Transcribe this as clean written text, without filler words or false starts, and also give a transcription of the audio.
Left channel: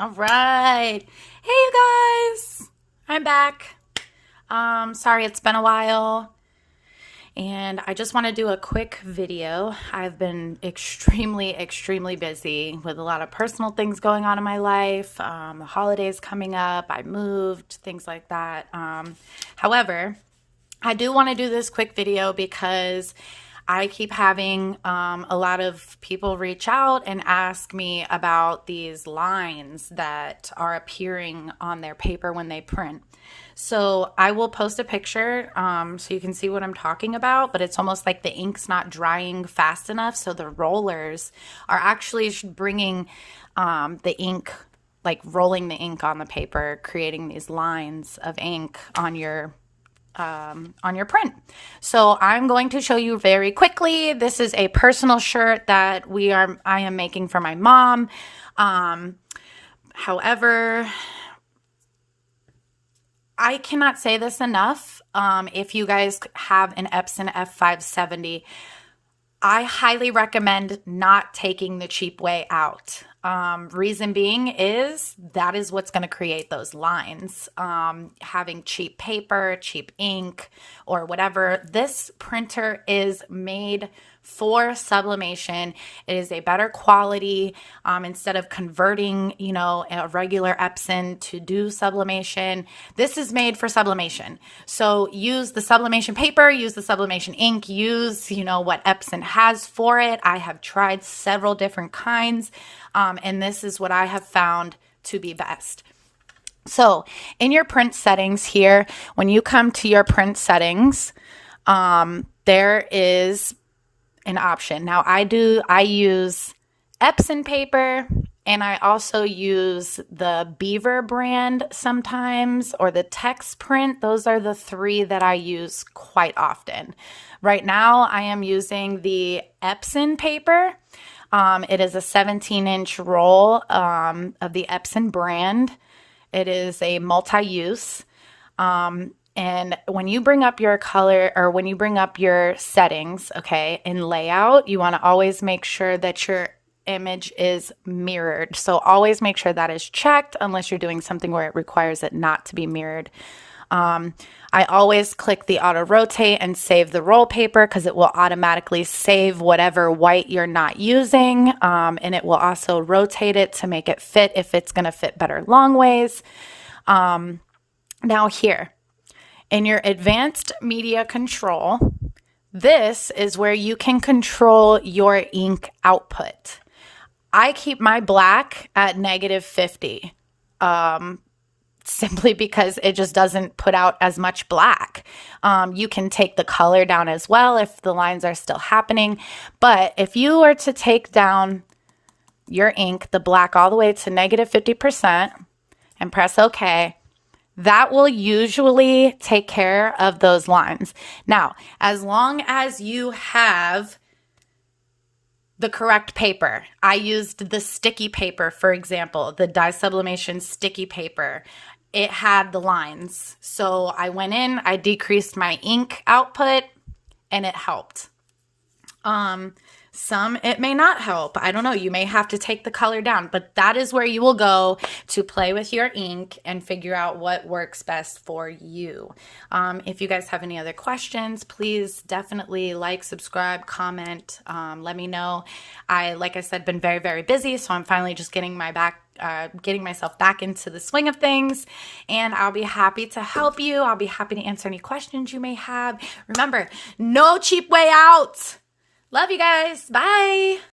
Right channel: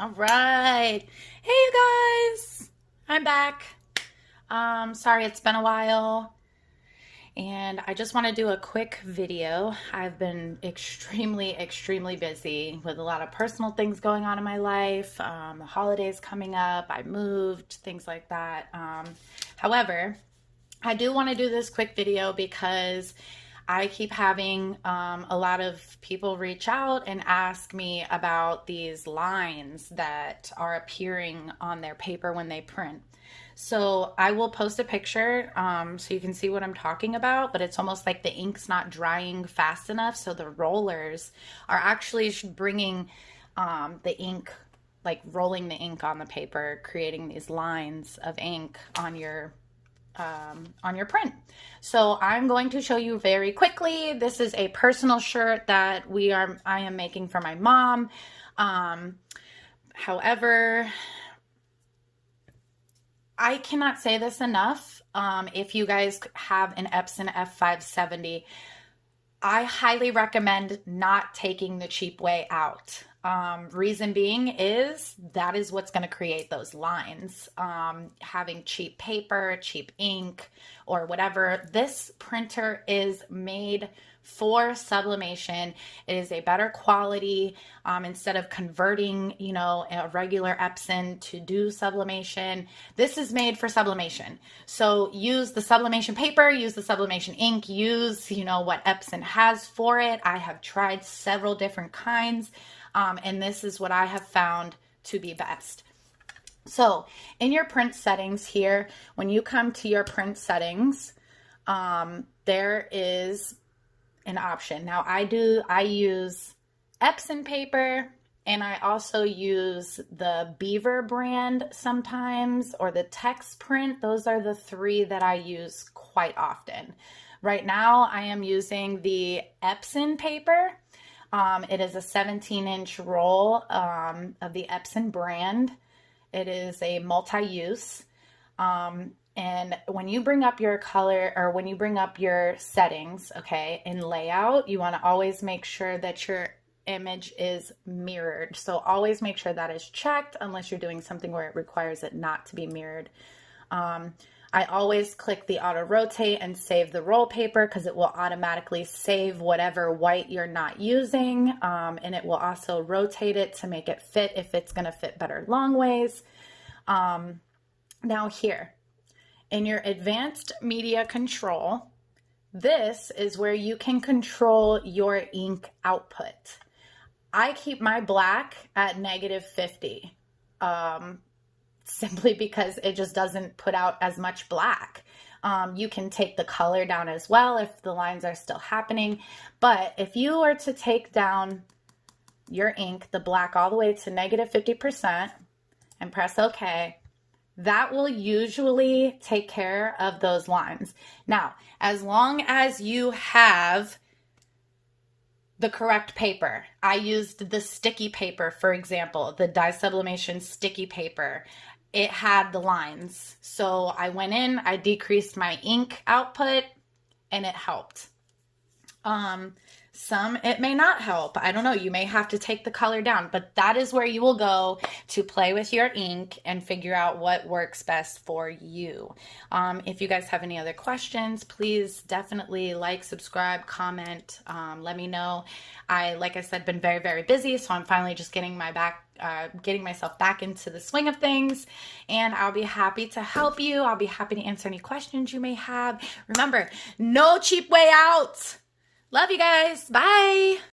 All right. Hey, you guys. I'm back. Sorry it's been a while. And I just want to do a quick video. I've been extremely busy with a lot of personal things going on in my life. The holidays coming up. I moved, things like that. However, I do want to do this quick video because I keep having a lot of people reach out and ask me about these lines that are appearing on their paper when they print. So I will post a picture so you can see what I'm talking about, but it's almost like the ink's not drying fast enough. So the rollers are actually bringing the ink, like rolling the ink on the paper, creating these lines of ink on your print. So I'm going to show you very quickly. This is a personal shirt that I am making for my mom. However, I cannot say this enough. If you guys have an Epson F570, I highly recommend not taking the cheap way out. Reason being is that is what's going to create those lines. Having cheap paper, cheap ink, or whatever. This printer is made for sublimation. It is a better quality. Instead of converting, a regular Epson to do sublimation, this is made for sublimation. So use the sublimation paper, use the sublimation ink, use, what Epson has for it. I have tried several different kinds. And this is what I have found to be best. So in your print settings here, when you come to your print settings, there is an option. Now I use Epson paper, and I also use the Beaver brand sometimes, or the TextPrint. Those are the three that I use quite often. Right now I am using the Epson paper. It is a 17-inch roll of the Epson brand. It is a multi-use. And when you bring up your color, or when you bring up your settings, okay, in layout, you want to always make sure that your image is mirrored. So always make sure that is checked unless you're doing something where it requires it not to be mirrored. I always click the auto rotate and save the roll paper because it will automatically save whatever white you're not using. And it will also rotate it to make it fit if it's going to fit better long ways. Now here in your advanced media control, this is where you can control your ink output. I keep my black at -50. Simply because it just doesn't put out as much black. You can take the color down as well if the lines are still happening. But if you were to take down your ink, the black, all the way to -50% and press OK, that will usually take care of those lines. Now, as long as you have the correct paper. I used the sticky paper, for example, the dye sublimation sticky paper. It had the lines. So I went in, I decreased my ink output, and it helped. Some it may not help. I don't know. You may have to take the color down, but that is where you will go to play with your ink and figure out what works best for you. If you guys have any other questions, please definitely like, subscribe, comment, let me know. Like I said, been very busy, so I'm finally just getting myself back into the swing of things, and I'll be happy to help you. I'll be happy to answer any questions you may have. Remember, no cheap way out. Love you guys. Bye.